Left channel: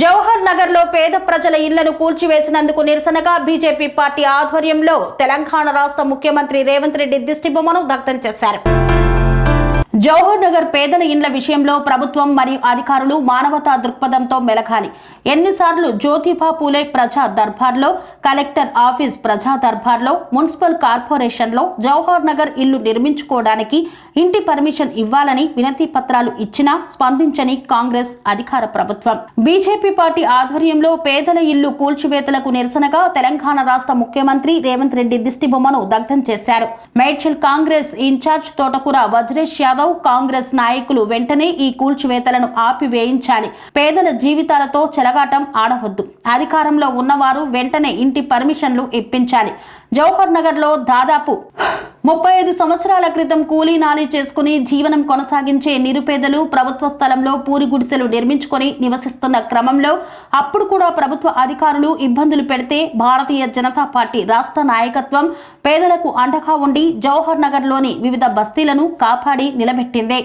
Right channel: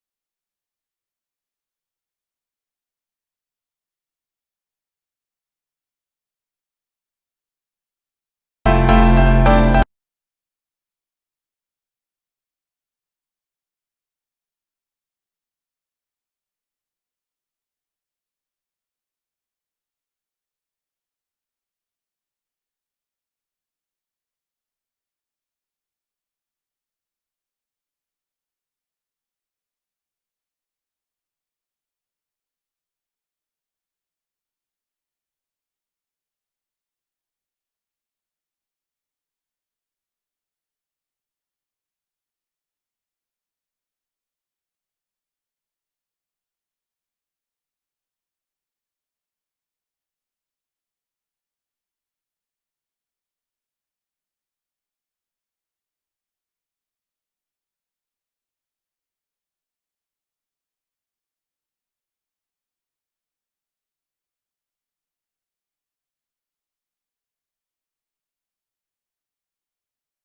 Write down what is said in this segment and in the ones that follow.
జవహర్ నగర్ లో పేద ప్రజల ఇళ్లను కూల్చివేసినందుకు నిరసనగా బీజేపీ పార్టీ ఆధ్వర్యంలో తెలంగాణ రాష్ట్ర ముఖ్యమంత్రి రేవంత్ రెడ్డి దిష్టిబొమ్మను దగ్ధం చేశారు. జవహర్ నగర్ పేదల ఇండ్ల విషయంలో ప్రభుత్వం మరియు అధికారులు మానవతా దృక్పథంతో మెలగాలి. ఎన్నిసార్లు జ్యోతిబా పూలే ప్రజా దర్బార్లో, కలెక్టర్ ఆఫీస్ ప్రజా దర్బార్లో, మున్సిపల్ కార్పొరేషన్లో జవహర్ నగర్ ఇల్లు నిర్మించుకోవడానికి ఇంటి పర్మిషన్ ఇవ్వాలని వినతి పత్రాలు ఇచ్చినా స్పందించని కాంగ్రెస్ అధికార ప్రభుత్వం. బీజేపీ పార్టీ ఆధ్వర్యంలో పేదల ఇల్లు కూల్చివేతలకు నిరసనగా తెలంగాణ రాష్ట్ర ముఖ్యమంత్రి రేవంత్ రెడ్డి దిష్టిబొమ్మను దగ్ధం చేశారు. మేడ్చల్ కాంగ్రెస్ ఇన్ఛార్జ్ తోటకూర వజ్రేష్ యాదవ్, కాంగ్రెస్ నాయకులు వెంటనే ఈ కూల్చివేతలను ఆపివేయించాలి. పేదల జీవితాలతో చెలగాటం ఆడవద్దు. అధికారంలో ఉన్నవారు వెంటనే ఇంటి పర్మిషన్లు ఇప్పించాలి. జవహర్ నగర్ లో దాదాపు 35 సంవత్సరాల క్రితం కూలీ నాలీ చేసుకుని జీవనం కొనసాగించే నిరుపేదలు ప్రభుత్వ స్థలంలో పూరి గుడిసెలు నిర్మించుకొని నివసిస్తున్న క్రమంలో అప్పుడు కూడా ప్రభుత్వ అధికారులు ఇబ్బందులు పెడితే భారతీయ జనతా పార్టీ రాష్ట్ర నాయకత్వం పేదలకు అండగా ఉండి జవహర్ నగర్ లోని వివిధ బస్తీలను కాపాడి నిలబెట్టిందే.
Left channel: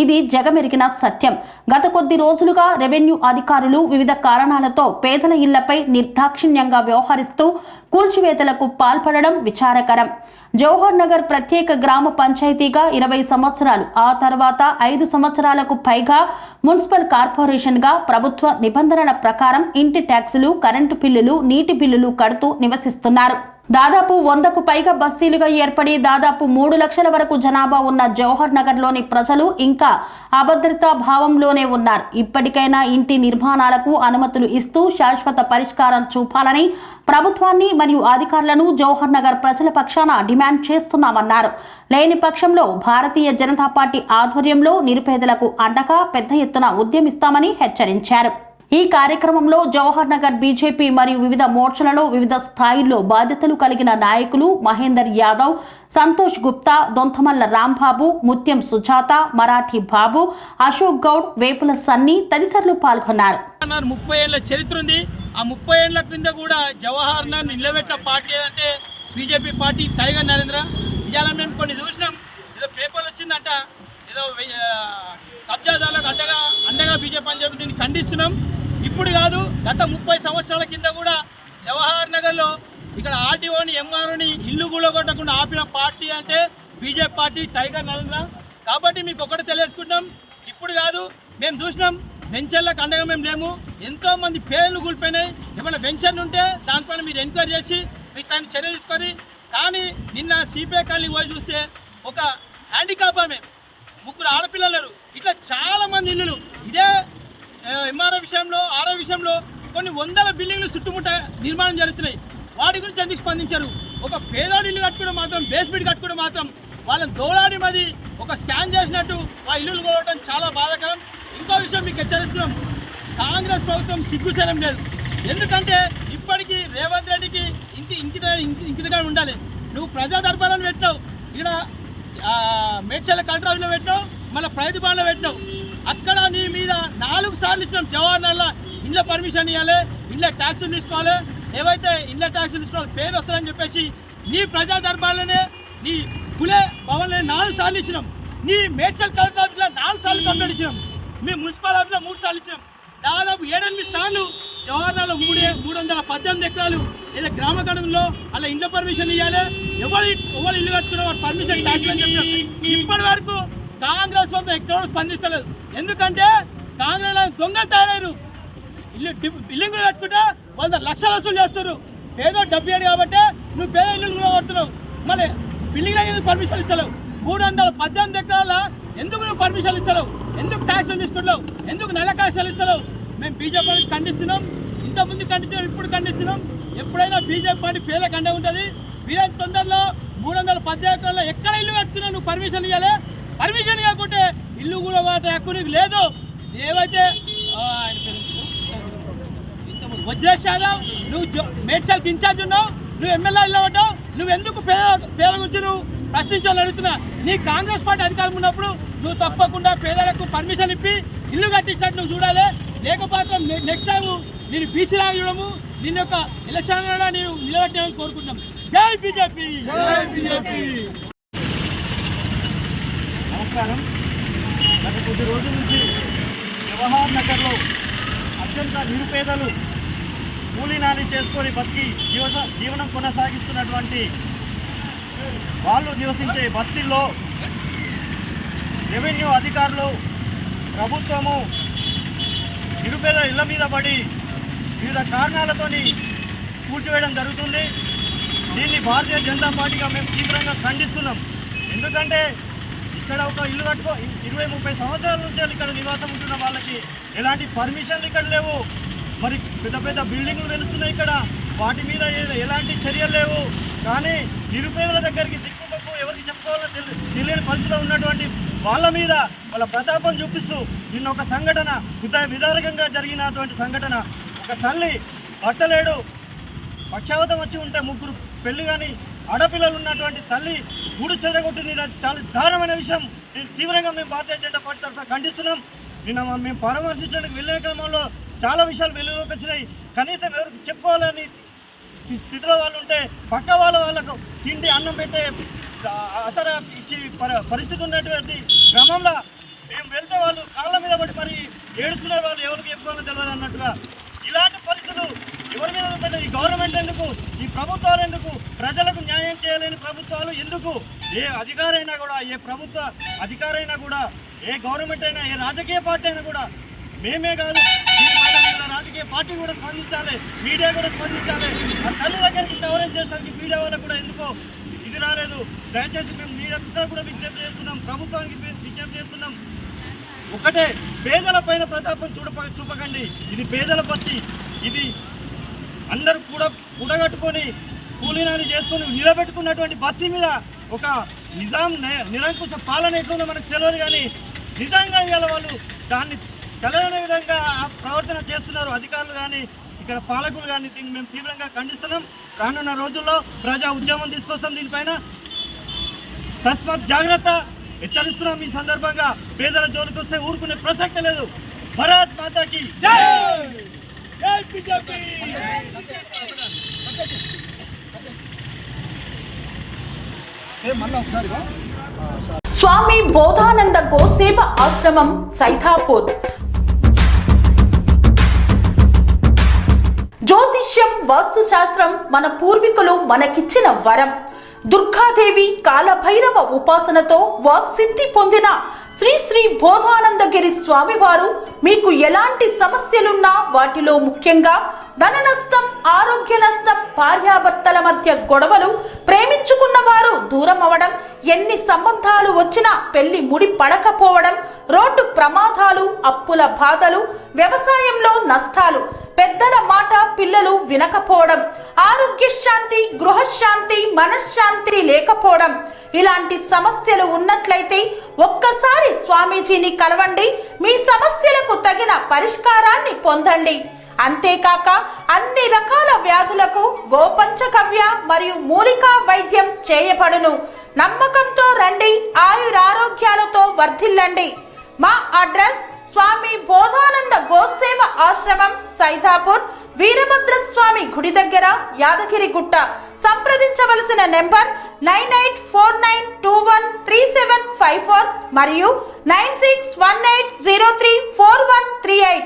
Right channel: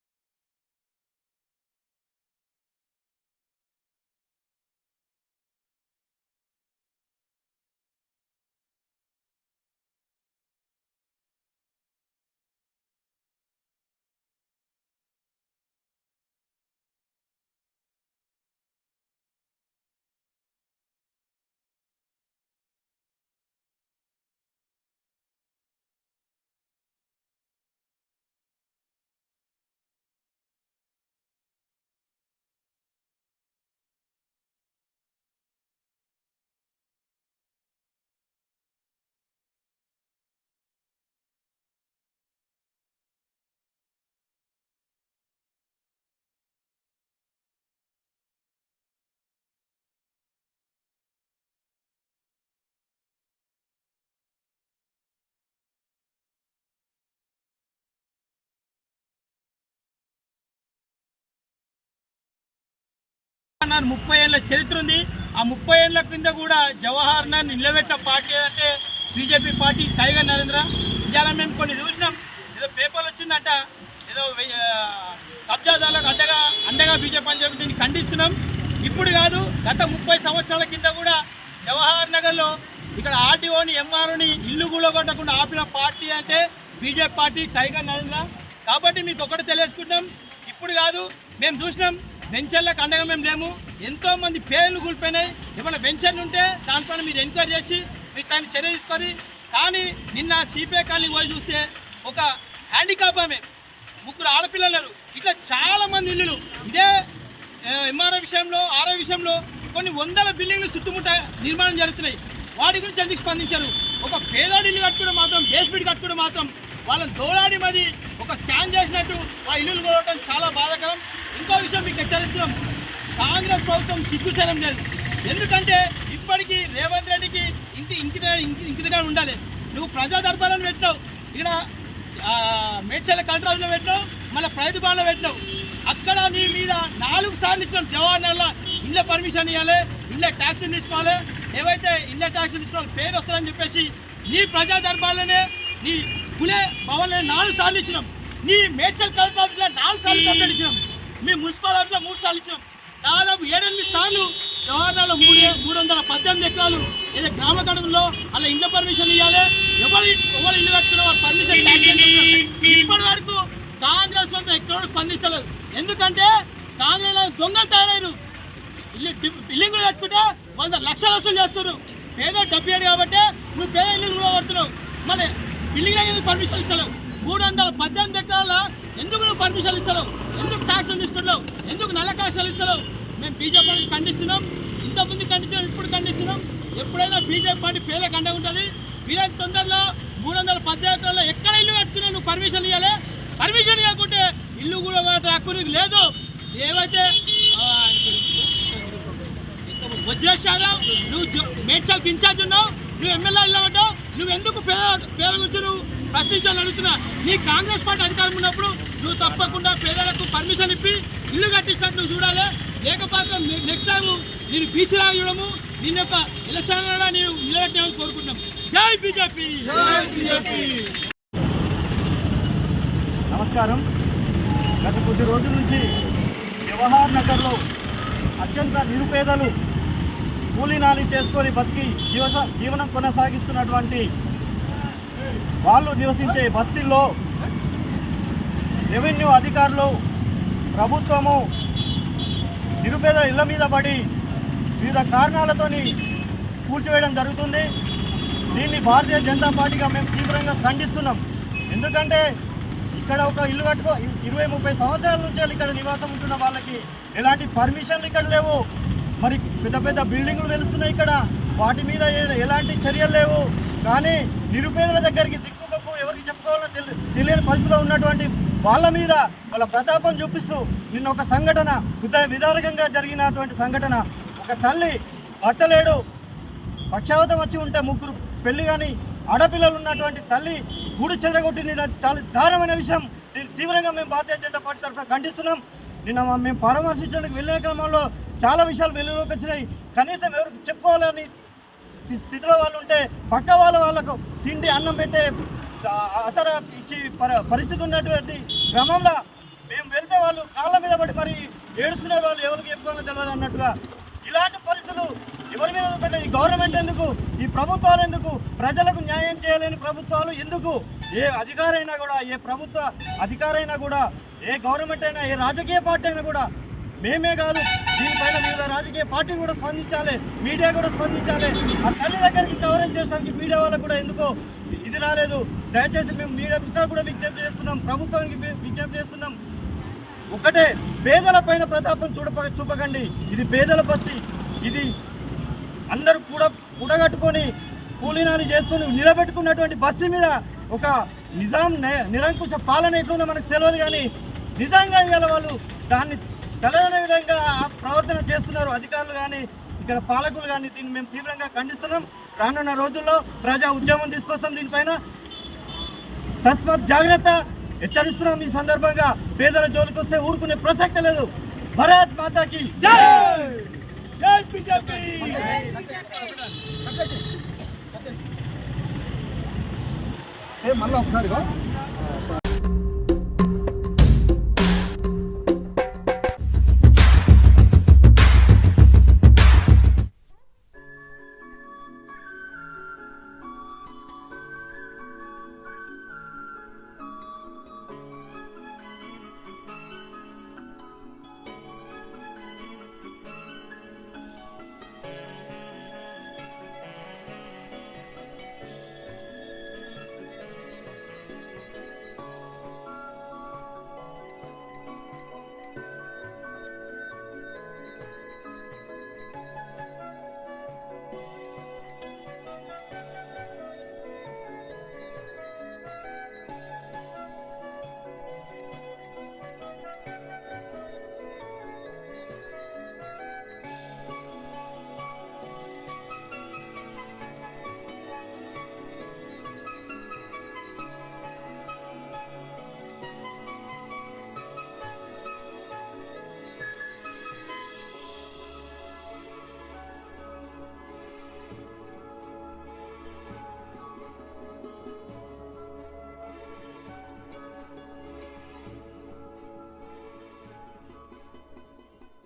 ఇది జగమెరిగిన సత్యం. గత కొద్ది రోజులుగా రెవెన్యూ అధికారులు వివిధ కారణాలతో పేదల ఇళ్లపై నిర్దాక్షిణ్యంగా వ్యవహరిస్తూ కూల్చివేతలకు పాల్పడడం విచారకరం. జవహర్ నగర్ ప్రత్యేక గ్రామ పంచాయతీగా 20 సంవత్సరాలు, ఆ తర్వాత 5 సంవత్సరాలకు పైగా మున్సిపల్ కార్పొరేషన్గా ప్రభుత్వ నిబంధనల ప్రకారం ఇంటి ట్యాక్సులు, కరెంటు బిల్లులు, నీటి బిల్లులు కడుతూ నివసిస్తున్నారు. దాదాపు 100కు పైగా బస్తీలుగా ఏర్పడి దాదాపు 3 లక్షల వరకు జనాభా ఉన్న జవహర్ నగర్ లోని ప్రజలు ఇంకా అభద్రతా భావంలోనే ఉన్నారు. ఇప్పటికైనా ఇంటి నిర్మాణాలకు అనుమతులు ఇస్తూ శాశ్వత పరిష్కారం చూపాలని ప్రభుత్వాన్ని మరియు అధికారులను జవహర్ నగర్ ప్రజల పక్షాన డిమాండ్ చేస్తున్నామన్నారు. లేని పక్షంలో భారతీయ జనతా పార్టీ ఆధ్వర్యంలో నిరుపేదలకు అండగా పెద్ద ఎత్తున ఉద్యమిస్తామని హెచ్చరించారు. ఈ కార్యక్రమంలో జవహర్ నగర్ బీజేపీ మరియు వివిధ మోర్చలలో వివిధ స్థాయిల్లో బాధ్యతలు కలిగిన నాయకులు మహేందర్ యాదవ్, సంతోష్ గుప్తా, దొంతమల్ల రాంబాబు, ముత్యం సుజాత, మరాఠీ బాబు, అశోక్ గౌడ్, వేపుల సన్నీ తదితరులు పాల్గొన్నారు. 30 ఏళ్ల చరిత్ర ఉంది. ఆ 30 ఏళ్ల కింద కూడా జవహర్ నగర్ నిలబెట్టిన పార్టీ అంటే బీజేపీ పార్టీ టైగర్ నరేంద్ర. ఇవాళ మేము కొన్ని చూసినాం, ఏదో పేపర్లు వచ్చిందంట, ఏదో కబ్జాదారులకు అండగా బీజేపీ అని చెప్పి దీన్ని ఖండిస్తున్నాం. ఇప్పుడు కాదు, గత 30 సంవత్సరాల కింద కూడా జవహర్ నగర్లో ఇక్కడ ఆర్టీఓని, ఎంఆర్ఓని ఇల్లు కూలగొట్టకుండా ఆపిన పార్టీ అంటే బీజేపీ పార్టీ టైగర్ నరేంద్ర. కాబట్టి మీకు ఒకటి తెలియజేసుకుంటాం, ఇప్పుడు కాదు, మేము చూసినాం వెంచర్లకు అండగా మేము లేము. ఎంతోమంది పేర్లు కూలిపోయినాయి. ఏమైనా వెంచర్లు ఉంటే దానిపైన మీరు ఎంక్వైరీ చేసి మీరు దాన్ని చర్య తీసుకొని. కానీ నిన్న సిపిఐ కాలనీ పోయి చూస్తే ఒక హ్యాండిక్యాప్ ఆమె, 3 ఆడపిల్లలు, ఇట్లా చాలామంది ఇల్లులు ఇదే ఎంఆర్ఓ విషయంలో, ఆర్ఓ విషయంలో కొన్ని 100 బిల్డింగ్లు చుట్టుముట్ట నిర్మాణం జరుగుతున్నాయి. వాటి గురించి ఎందుకు స్పందించారు? ఒక పేదోడి ఇల్లు కట్టుకోవడం మాత్రం, బేస్మెంట్ కట్టుకోవడం మాత్రం వాళ్ళని దోలాడి మరి ఒక స్కాన్ చేసినట్టు ఆ ఇల్లులు కోవడం చాలా బాధాకరం. ఇంకో విషయం మీకు హెచ్చరిస్తున్నాం, కాంగ్రెస్ ప్రభుత్వం సిగ్గుశరం లేదు. ఎందుకంటే ఇప్పటికీ రేవంత్ రెడ్డికి ఇంకిగా ఉండాలి. నువ్వు ప్రజా దర్బారాన్ని పెట్టినావు, ఇక్కడ మేడ్చల్ కలెక్టర్ పెట్టినావు, మళ్ళీ ప్రతిభాలో పెట్టినావు. అక్కడ నీ మీద 4 సార్లు ఇచ్చినాం. జవహర్ నగర్లో ఇళ్ళ పర్మిషన్ ఇవ్వాలి, ఇళ్ళ ట్యాక్సులు తీసుకోవాలి, ఏవైతే ఇళ్ళ ట్యాక్సులు తీసుకోవాలి పేరు వస్తుందని చెప్పేసి నీ ప్రజా దర్బార్లోనే నీ కులే భవన్లో 4 సార్లు ఇచ్చినాం. నీ మేడ్చల్ కలెక్టర్ ఆఫీస్లో 4 సార్లు కంప్లైంట్ ఇచ్చినాం. మీ మున్సిపల్ ఆఫీస్లో 3 సార్లు ఇచ్చినాం. దాదాపు 7-8 సార్లు జవహర్ నగర్లో 318 ఎకరాలు ఏదో గ్రామ గడువులో అలా ఇళ్ళ పర్మిషన్ ఇవ్వాలి, ఎవరు ఇల్లు కట్టుకున్న వారు పర్మిషన్ ట్యాక్స్ అని చెప్పినాం. ఇప్పటి వరకు కాంగ్రెస్ ప్రభుత్వం ఎక్కడ స్పందిస్తలేదు. ఎందుకంటే కాంగ్రెస్ దొంగలు తయారయ్యారు. బిల్డింగ్లు కట్టుకుంటే 100 లక్షలు వసూలు చేస్తారు. పేద డబ్బు ఏడు కాబట్టి నువ్వు పేద ఇల్లు కూడా కడుతున్నావు. మళ్ళీ బిల్డింగ్లో ఎందుకు పర్మిషన్ ఇస్తలేవు? 318 ఎకరాల ఎందుకు నువ్వు పర్మిషన్ ఇస్తలేవు? ఎందుకు ట్యాక్స్లు తీసుకుంటావు? ఎందుకు నల్ల ట్యాక్స్లు ఇస్తలేవు? మేము బీజేపీ పార్టీ ఖండిస్తున్నాం. ఇంతకుముందు ఖండించినాం, ఇప్పుడు ఖండిస్తున్నాం. ఎప్పుడైనా బీజేపీ పార్టీ పేదలకు అండ ఉంటుంది. వీళ్ళకి తొందరలో 318 ఎకరాల్లో ఎక్కడ ఇల్లు కట్టుకునే నువ్వు పర్మిషన్ ఇవ్వాలి. పర్మిషన్ ఇవ్వకుంటే ఇల్లు కూడా హక్కు నీకు లేదు. ఏవైతే వజ్రేష్ యాదవ్, నువ్వు మేడ్చల్కి ఇన్ఛార్జ్ ఉన్నావు, నువ్వు ఎమ్మెల్యే ఇల్లు ఉంటావు, నువ్వు ఎందుకు పేద గురించి నువ్వు ప్రశ్నించాలని అడుగుతున్నా. నీ కాంగ్రెస్ పార్టీ అధికారం ఉన్నప్పుడు నువ్వు తప్పకుండా పేదలకు పర్మిషన్ ఇప్పి ఇల్లు కట్టించినట్టు నువ్వు చూడాలి. లేకపోతే నెక్స్ట్ టైం నేను బీసీ లాగా చూడము, నిన్న యొక్క ఎలక్షన్ నేను నిలబెట్టామని కోరుకుంటున్నాం. జై బీజేపీ. నమస్కారం. గత కొద్ది రోజుల నుంచి జవహర్ నగర్లో అత్యంత నిరుపేదలు కూలీనాలి చేసుకొని బతికి జీవనం కొనసాగిస్తున్నటువంటి వాళ్ళు నివసించే బస్తీల్లో రెవెన్యూ అధికారులు ప్రభుత్వము నిరుపేదల ఇళ్ల మీద పడి వివిధ కారణాలతోని కూల్చివేయడం జరుగుతుంది. దీన్ని భారతీయ జనతా పార్టీగా మేము తీవ్రంగా ఖండిస్తున్నాం. ఎందుకంటే ఇక్కడ ఒక ఇల్లు కట్టుకో 20-30 సంవత్సరాల నుంచి ఇక్కడ నివాసం ఉంటున్న వాళ్ళకి ఎలాంటి పర్మిషన్లు ఇక్కడ లేవు. మరి పెద్ద పెద్ద బిల్డింగ్లు వెలుస్తున్నాయి ఇక్కడ, వాటి మీద ఎలాంటి చర్యలు లేవు. కానీ నిరుపేదల దగ్గరికి దిక్కుమొక్కు ఎవరికి చెప్పుకోవాలో తెలియని పరిస్థితిలో ఉన్నటువంటి వాళ్ళ మీద వాళ్ళ ప్రతాపం చూపిస్తూ నిన్న ఒక సంఘటన విదారకంగా జరిగినటువంటి సంఘటన, ఒక తల్లి భర్తలేడు పక్షావతం వచ్చి ఉంటే 3 పెళ్లి కానీ ఆడపిల్లలు ఉన్నటువంటి తల్లి గూడు చెదగొట్టిన చాలా దారుణమైన విషయం. తీవ్రంగా మేము భారతీయ జనతా పార్టీ తరఫున ఖండిస్తున్నాం. నిన్న మేము పరామర్శించడానికి వెళ్ళే క్రమంలో చాలా విషయాలు వెలుగులోకి వచ్చినాయి. కనీసం ఎవరికి చెప్పుకోవాలని స్థితిలో వాళ్ళు ఉంటే పక్క వాళ్ళకు తిండి అన్నం పెట్టే అసలు ఇచ్చి పరిస్థితి ఉన్నటువంటి క్రమంలో మేము వెళ్తే వాళ్ళు కాళ్ళ మీద పడి మరి ఏడుస్తున్నారు. వాళ్ళు ఎవరికి చెప్పుకోవాలో తెలియదు అన్నట్టుగా ఇలాంటి పరిస్థితులు ఎవరి మీద పెట్టే ఈ గవర్నమెంట్ ఎందుకు, ఈ ప్రభుత్వాలు ఎందుకు, ప్రజలకు న్యాయం చేయలేని ప్రభుత్వాలు ఎందుకు? ఏ అధికారైనా కూడా, ఏ ప్రభుత్వ అధికారైనా కూడా, ఏ గవర్నమెంట్ అయినా, ఏ రాజకీయ పార్టీ అయినా కూడా, మేమే కాదు దీనిపైన వివిధ రాజకీయ పార్టీ కూడా స్పందించాలి, మీడియా కూడా స్పందించాలి. ఆ తల్లి దగ్గరికి కవరేజ్ చేయడానికి మీడియా వాళ్ళకు కూడా ఎందుకో ఇది రాలేదు. దయచేసి మేము మీడియా కూడా విజ్ఞప్తి చేస్తున్నాం, ప్రభుత్వానికి విజ్ఞప్తి చేస్తున్నాం. ఒకటే, పేదల పైన ప్రతాపం చూపకండి. ఇది పేదల బస్తీ. ఇది అందరూ కూడా కూడగట్టుకొని కూలీనాలి చేసుకొని నిలబెట్టుకున్నటువంటి బస్తీ మీద ఒక నిజాం నిరంకుశ పాలన ఎట్లుందో మనకు తెలియదు. కానీ నిజంగా ఇవాళ వాళ్ళు దాన్ని తెలవని విధంగా ప్రవర్తన చేస్తున్నారు అధికారులు కానీ ఇక్కడ పాలకులు కానీ. దీన్ని మేము తీవ్రంగా ఖండిస్తున్నాం. రానున్న రోజుల్లో ప్రజా ఉద్యమం తీసుకొస్తాం దీనిపైన. తస్మాత్ జాగ్రత్త హెచ్చరిస్తున్నాం. ఈ సందర్భంగా పేదల జోలికి వస్తే ఊరుకునే ప్రసక్తి లేదు. భారత్ మాతాకి జై. స్వామి బోధానంద గోసేవ ఆశ్రమం సైథాపూర్. జ్యోతిష్యం, వాస్తుశాస్త్రం మన పూర్వీకులు మనకిచ్చిన వరం. దుర్గాదేవి, కాలభైరవ ఉపాసనతో వాక్సిద్ధి పొందిన శ్రీ శ్రీ బోధానందగిరి స్వామివారు మీకు ఎలాంటి సమస్యలున్నా, వాటిలో ముఖ్యంగా ధన నష్టం, ఆరోగ్య నష్టం, భార్యాభర్తల మధ్య గొడవలు, ప్రేమించుకున్న వారు దూరం అవడం, ఎన్ని సంబంధాలు వచ్చినా పెళ్లి ముడి పడకపోవడం, రోడ్డు ప్రమాదాలు, అప్పుల బాధలు, వ్యవసాయంలో నష్టాలు, పెద్దల మాట పిల్లలు వినకపోవడం, ఆరోగ్య శాంతి, గృహశాంతి, మనశ్శాంతి లేకపోవడం, ఇలాంటి సమస్యలు ఉన్నట్లయితే ఒక్కసారి స్వామీజీని కలవండి. మీ సమస్యలకు తగిన పరిష్కారాన్ని పొందండి. అంతేకాక అన్ని రకాల వ్యాధులకు గోపంచగవ్య మరియు మూలికా వైద్యం చేయబడును. నమ్మకంతో రండి, ఆయురారోగ్యాలతో వర్ధిల్లండి. మా అడ్రస్ స్వామి బోధానంద గోసేవ ఆశ్రమం సైథాపూర్, వీరభద్రస్వామి గుడి దగ్గర, యాదగిరిగుట్ట. సంప్రదించవలసిన నెంబర్ 9849213754 మరియు 9618034138.